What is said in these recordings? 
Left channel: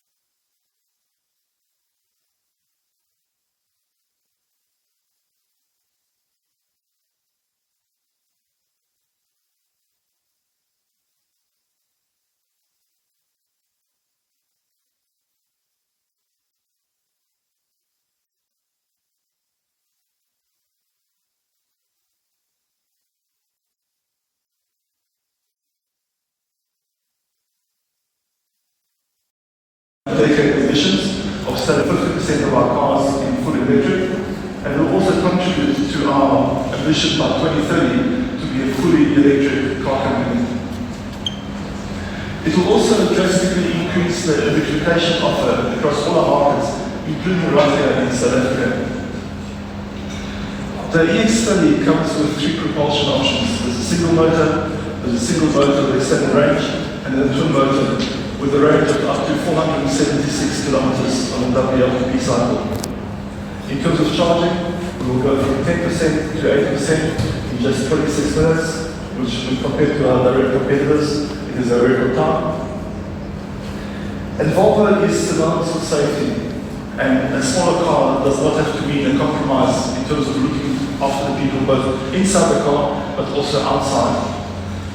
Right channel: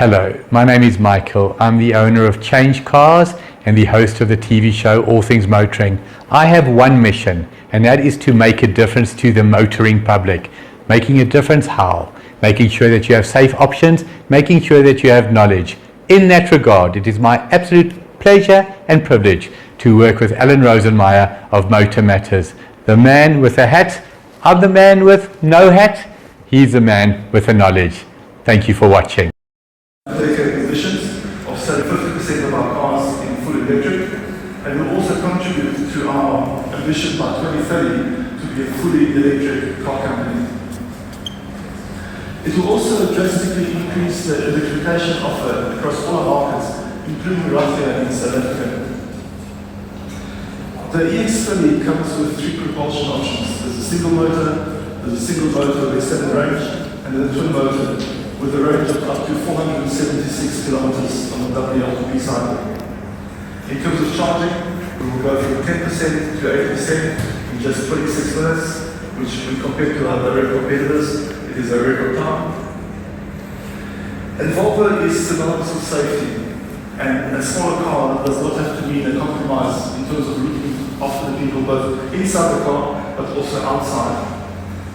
Hello, my name is Michael. I'm the owner of Change Cars and the host of the TV show All Things Motoring. I have one mission, and that is to make a difference to the motoring public. Making a difference how? Making sure that you have safe options, making sure that you have knowledge. In that regard, it is my absolute pleasure and privilege to work with Alan Rosenmeyer of Motor Matters. The man with a hat, I'm the man with no hat, he's the man with the knowledge. Thank you for watching. Dedicated emissions of 50% of our cars in full electric, and will also contribute to our ambition by 2030 to be a fully electric car company. It will also drastically increase the electrification offer across all our markets, including right here in South Africa. The EX30 comes with 3 propulsion options. There's a single motor, there's a single motor with extended range, and then a twin motor with a range of up to 476 kilometers on the WLTP cycle. In terms of charging, we will go from 10% to 8% in just 26 minutes, which when compared to our direct competitors, it is a record time. And Volvo is synonymous with safety, and a smaller car does not have to mean a compromise in terms of looking after the people both inside the car but also outside.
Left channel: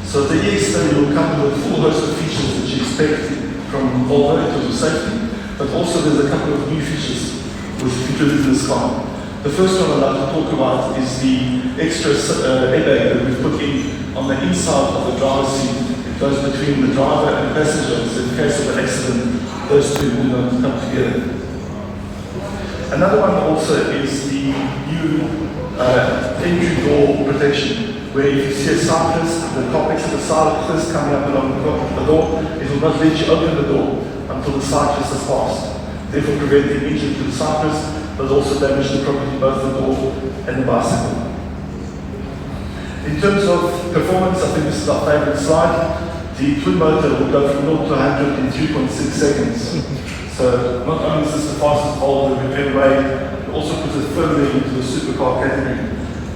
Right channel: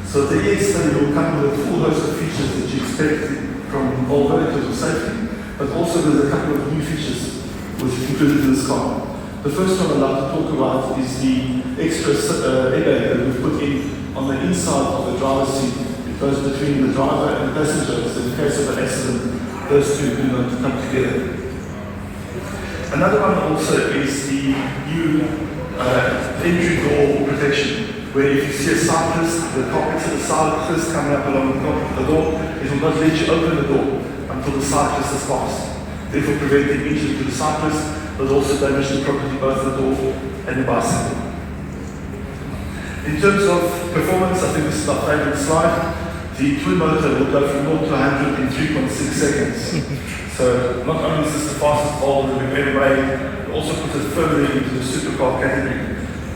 So the EX30 will come with a full host of features that you expect from Volvo in terms of safety, but also there's a couple of new features which are included in this car. The first one I'd like to talk about is the extra airbag that we've put in on the inside of the driver's seat. It goes between the driver and the passenger, so in case of an accident, those two do not come together. Another one also is the new entry door protection, where if you see a cyclist, the car next to the side first coming up along the door, it will not let you open the door until the cyclist has passed, therefore preventing injury to the cyclist, but also damage to property, both the door and the bicycle. In terms of performance, I think this is my favourite slide. The twin motor will go from 0 to 100 in 3.6 seconds. So not only is this the fastest Volvo we've ever made, it also puts us firmly into the supercar category.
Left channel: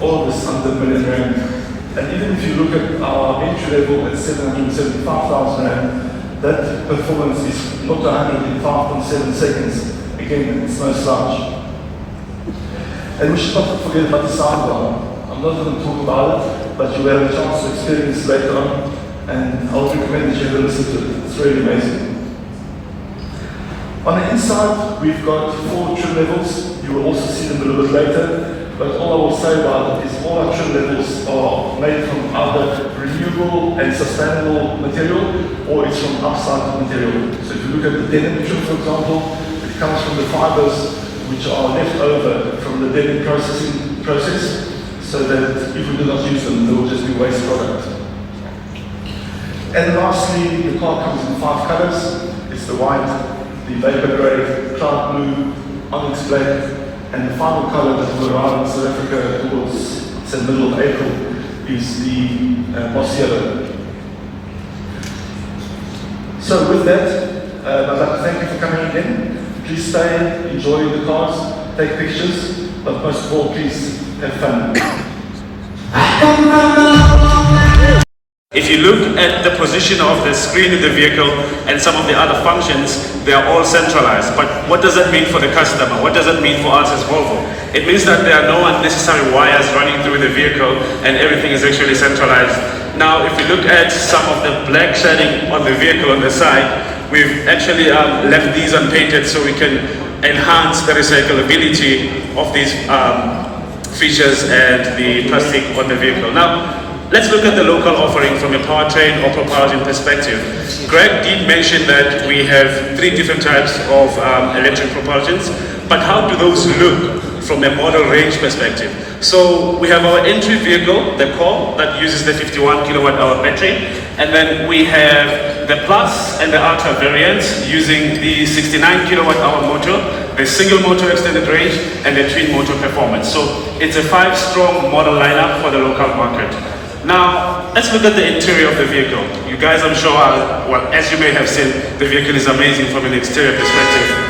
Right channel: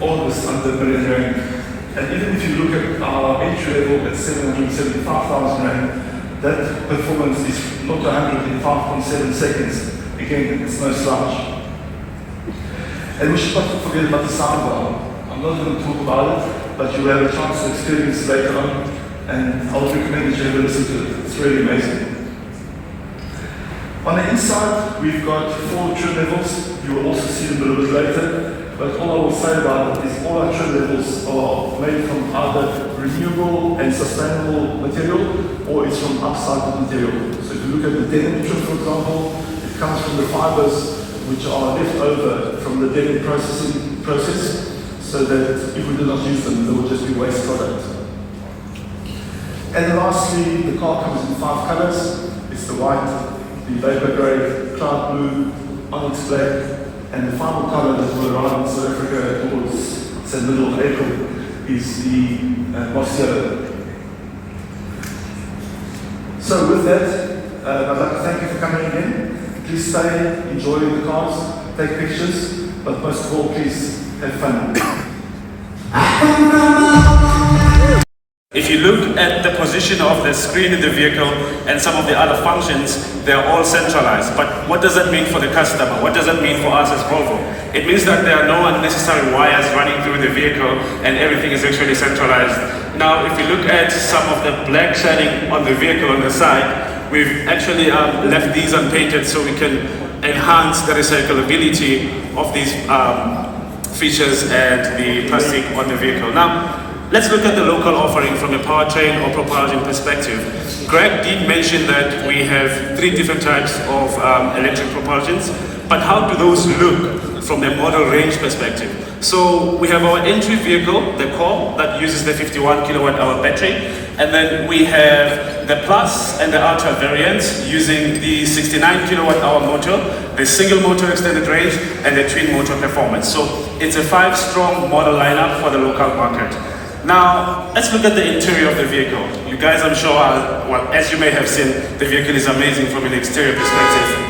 All of this under £1 million. And even if you look at our entry level at 775,000 Rand, that performance is 0 to 100 in 5.7 seconds. Again, it's no slouch. And we should not forget about the soundbar. I'm not going to talk about it, but you'll have a chance to experience it later on, and I would recommend that you have a listen to it. It's really amazing. On the inside, we've got 4 trim levels. You will also see them a little bit later. But all I will say about it is all our trim levels are made from either renewable and sustainable material, or it's from upcycled material. So if you look at the denim trim, for example, it comes from the fibers which are left over from the denim process, so that if we do not use them, they will just be waste product. And lastly, the car comes in 5 colors. It's the white, the vapor grey, cloud blue, onyx black, and the final colour that will arrive in South Africa towards the middle of April is the moss yellow. So with that, I'd like to thank you for coming in. Please stay, enjoy the cars, take pictures, but most of all, please have fun. If you look at the position of the screen in the vehicle and some of the other functions, they are all centralized. But what does that mean for the customer? What does that mean for us as Volvo? It means that there are no unnecessary wires running through the vehicle and everything is actually centralized. Now, if you look at some of the black shading on the vehicle on the side, we've actually left these unpainted so we can enhance the recyclability of these features and the plastic on the vehicle. Now, let's look at the local offering from a powertrain or propulsion perspective. Greg did mention that we have 3 different types of electric propulsions, but how do those look from a model range perspective? So we have our entry vehicle, the core, that uses the 51 kilowatt hour battery, and then we have the Plus and the Ultra variants using the 69 kilowatt hour motor, the single motor extended range, and the twin motor performance. So it's a 5-strong model lineup for the local market. Now, let's look at the interior of the vehicle. You guys, I'm sure, well, as you may have seen, the vehicle is amazing from an exterior perspective.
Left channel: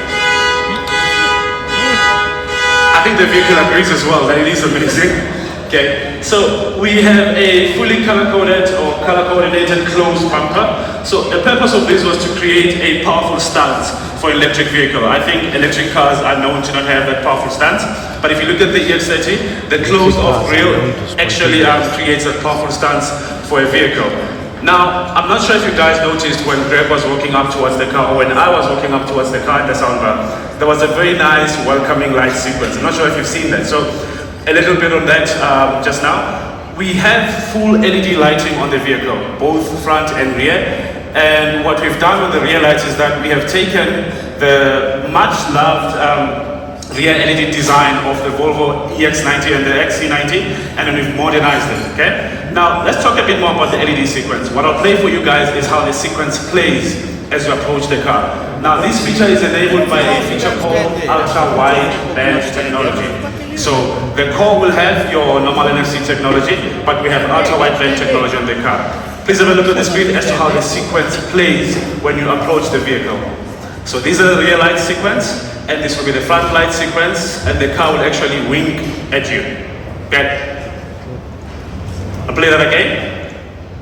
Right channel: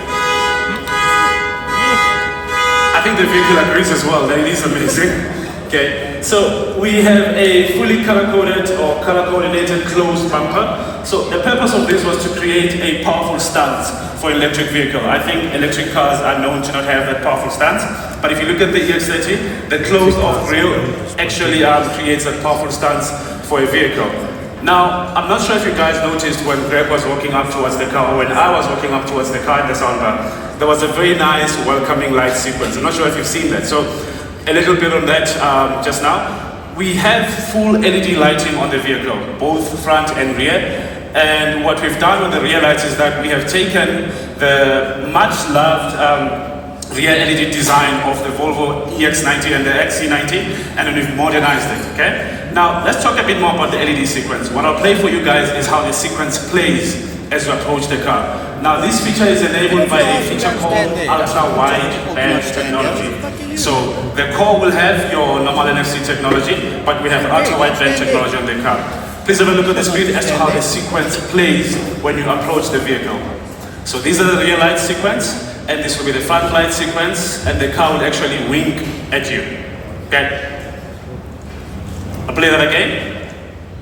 I think the vehicle agrees as well that it is amazing. Okay, so we have a fully color-coded or color-coordinated closed bumper. So the purpose of this was to create a powerful stance for electric vehicle. I think electric cars are known to not have that powerful stance, but if you look at the EX30, the close-off grille actually creates a powerful stance for a vehicle. Now, I'm not sure if you guys noticed when Greg was walking up towards the car, or when I was walking up towards the car at the soundbar, there was a very nice welcoming light sequence. I'm not sure if you've seen that. So, a little bit on that just now. We have full LED lighting on the vehicle, both front and rear. And what we've done with the rear lights is that we have taken the much loved rear LED design of the Volvo EX90 and the XC90, and then we've modernized it, okay? Now, let's talk a bit more about the LED sequence. What I'll play for you guys is how the sequence plays as you approach the car. Now, this feature is enabled by a feature called ultra-wide band technology. So, the core will have your normal NFC technology, but we have ultra-wide band technology in the car. Please have a look at the screen as to how the sequence plays when you approach the vehicle. So these are the rear light sequence, and this will be the front light sequence, and the car will actually wink at you. Okay? I'll play that again.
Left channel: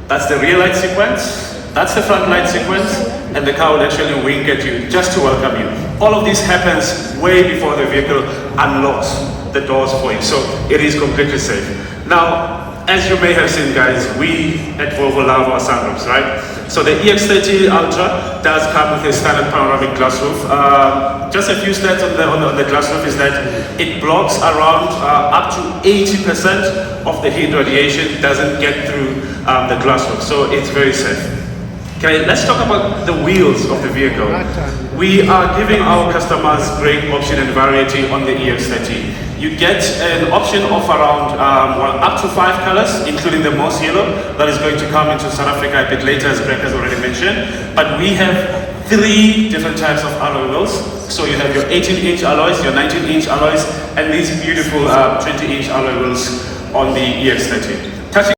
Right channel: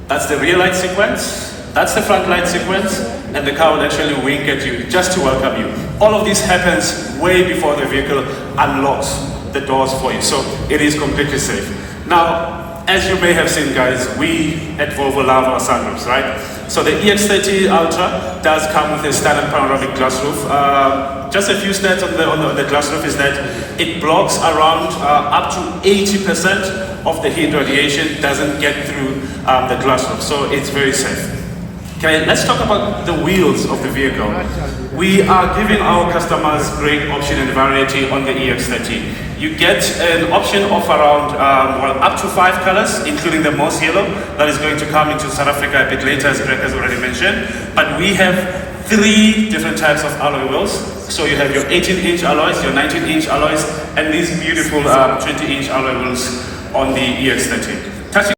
That's the rear light sequence, that's the front light sequence, and the car will actually wink at you just to welcome you. All of this happens way before the vehicle unlocks the doors for you, so it is completely safe. Now, as you may have seen, guys, we at Volvo love our sunroofs, right? So the EX30 Ultra does come with a standard panoramic glass roof. Just a few stats on the glass roof is that it blocks around up to 80% of the heat radiation doesn't get through the glass roof, so it's very safe. Okay, let's talk about the wheels of the vehicle. We are giving our customers great option and variety on the EX30. You get an option of around up to 5 colors, including the moss yellow that is going to come into South Africa a bit later, as Greg has already mentioned. But we have 3 different types of alloy wheels. So you have your 18-inch alloys, your 19-inch alloys, and these beautiful 20-inch alloy wheels on the EX30.